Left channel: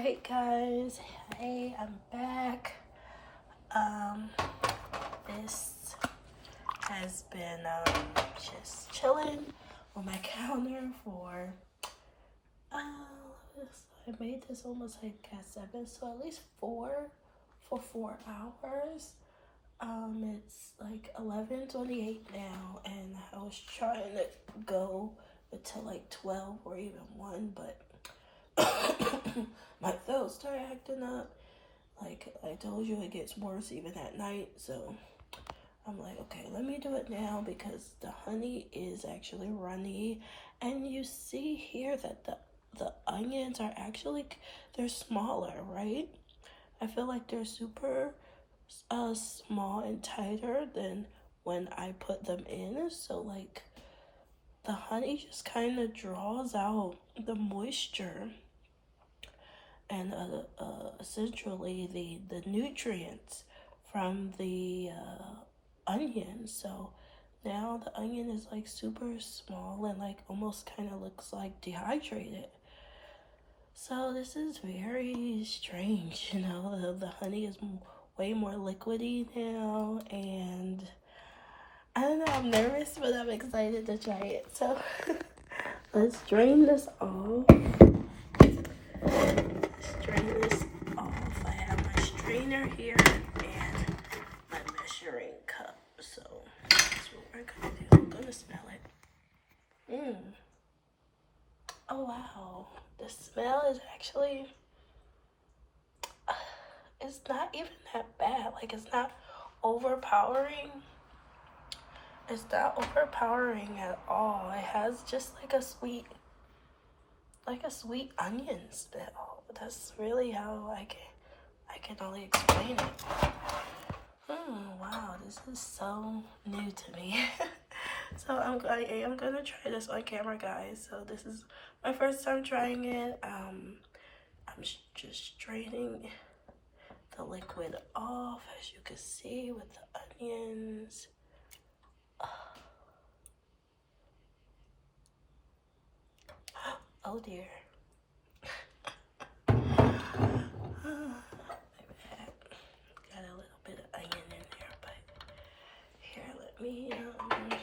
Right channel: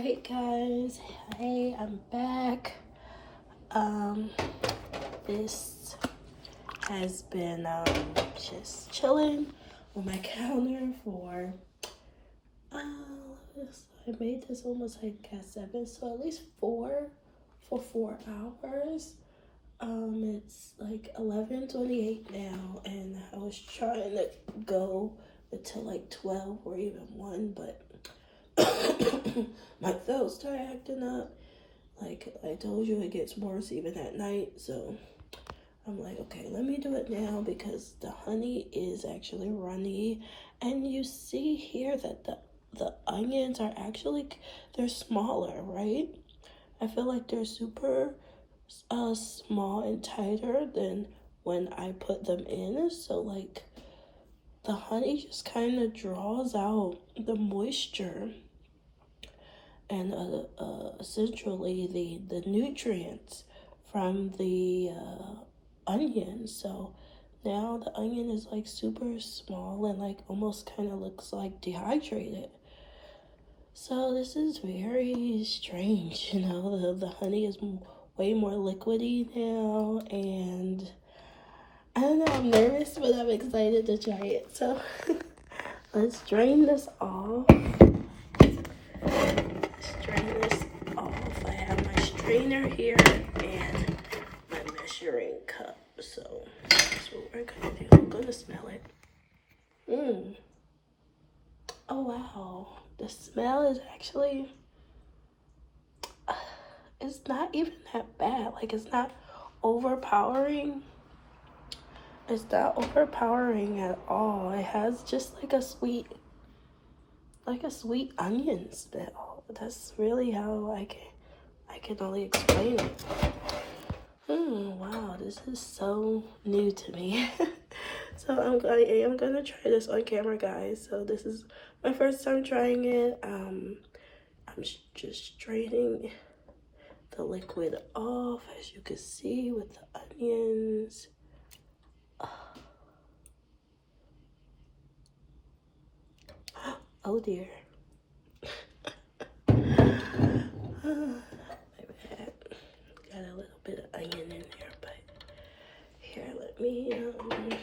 Alright guys, hey, I'm back. This has been just chilling on my counter for I made this almost like at 7, so at least 4 for 4 hours. It's like 11:28 now, and I was trying to go until like 12 or even 1, but my throat started acting up. Like I told you, it gets worse even at night. So I'm like, okay, let me do it now because the honey is actually runny. And you see here that the onions are actually, they're smaller, right? I feel like they're super small and tighter than when I put them in. So like the honey just kind of draws out the moisture and essentially the nutrients from the onion. So now the onion is like super small and like almost kind of looks like dehydrated. So this is very strange, you know. The honey is way more liquidy now, and I don't know, I'm nervous, but I'm excited to try it. So let's drain this off. Strain this off. I have my strainer here and my measuring cup. So that's what we're gonna do. I'm gonna smell it. Oh wow. The smell is actually, it's not even that bad. Like it's not overpowering. It's not overpowering at all. It has just like a sweet onion smell. That's really how I can only explain it. Wow, this is so new to me. So I am gonna try this on camera, guys. So this is my first time trying it. I'm just draining the liquid off, as you can see, with the onions. Oh dear. Got a little bit of onion in here, but here, let me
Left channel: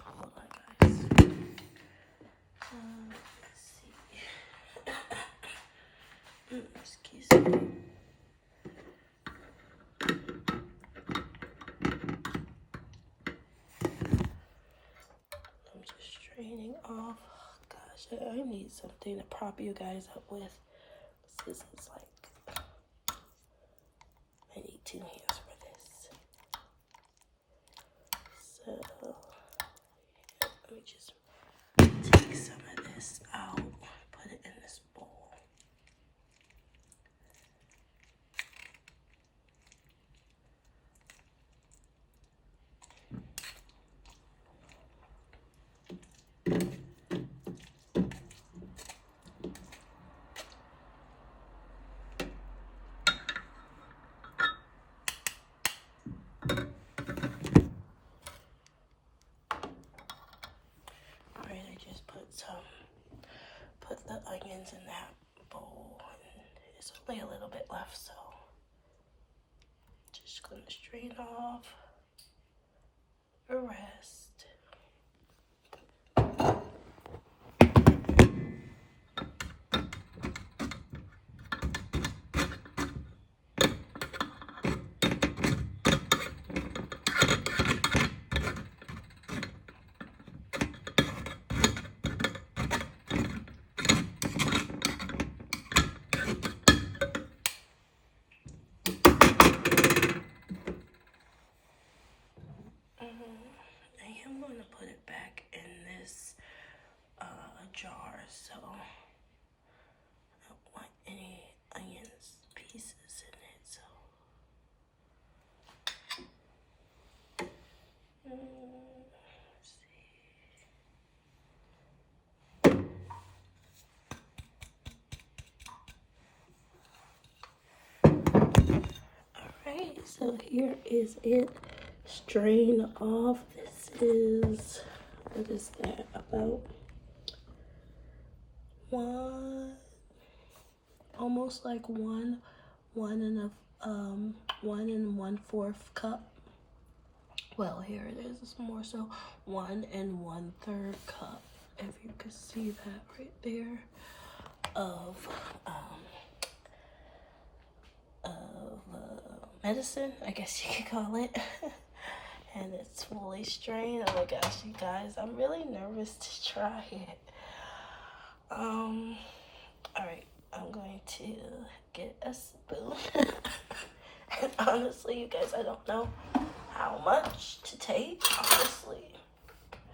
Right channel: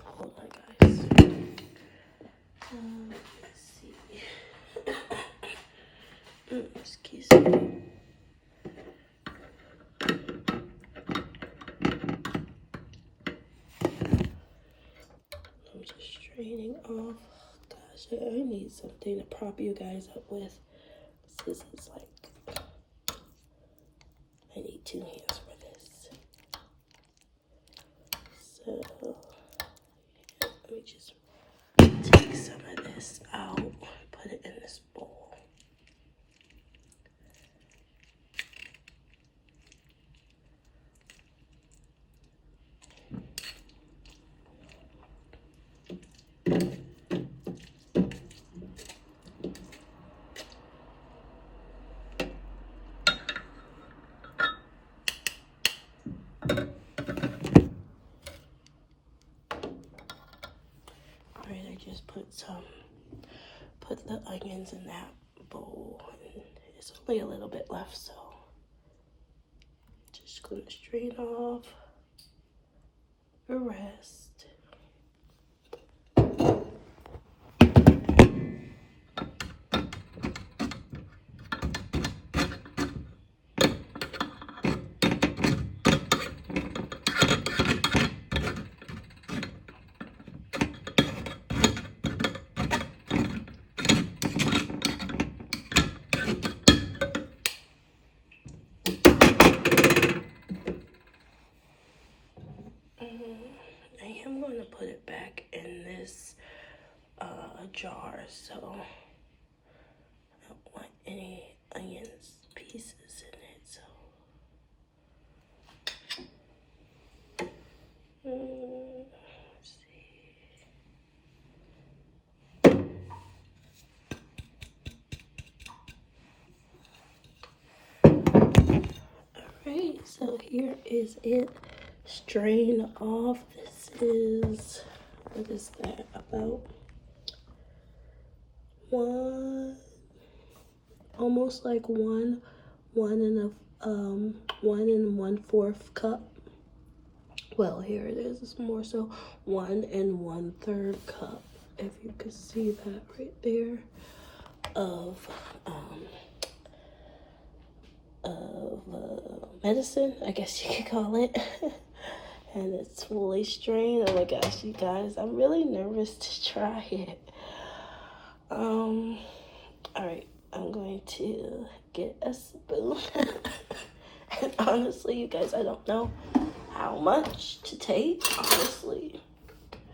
hold on, guys. Let's see. Excuse me. I'm just straining off. Gosh, I need something to prop you guys up with. This is like, I need 2 hands for this. So let me just take some of this out, put it in this bowl. Alright, I just put the onions in that bowl. There's only a little bit left, so just gonna strain off the rest. I am going to put it back in this jar, so I don't want any onions pieces in it. So let's see. Alright, so here is it. Strain off. This is, what is that, about almost like one and 1 1/4 cup. Well, here it is. It's more so 1 1/3 cup, if you can see that right there, of medicine, I guess you could call it. And it's fully strained. Oh my gosh, you guys, I'm really nervous to try it. All right, I'm going to get a spoon. And honestly, you guys, I don't know how much to take. Honestly,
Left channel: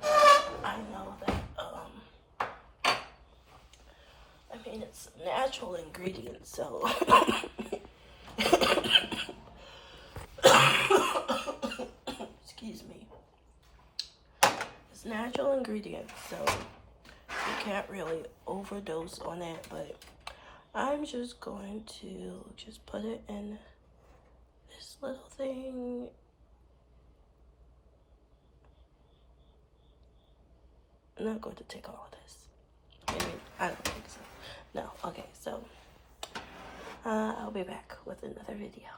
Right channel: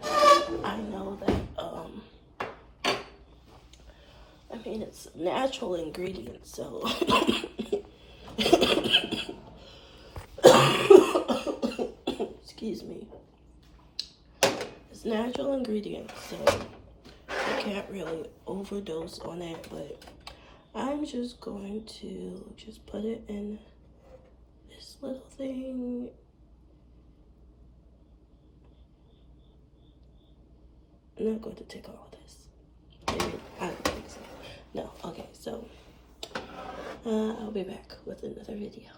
I know that I mean, it's natural ingredients, so excuse me. It's natural ingredients, so you can't really overdose on it, but I'm just going to just put it in this little thing. I'm not going to take all of this. I don't think so. No, okay, so I'll be back with another video.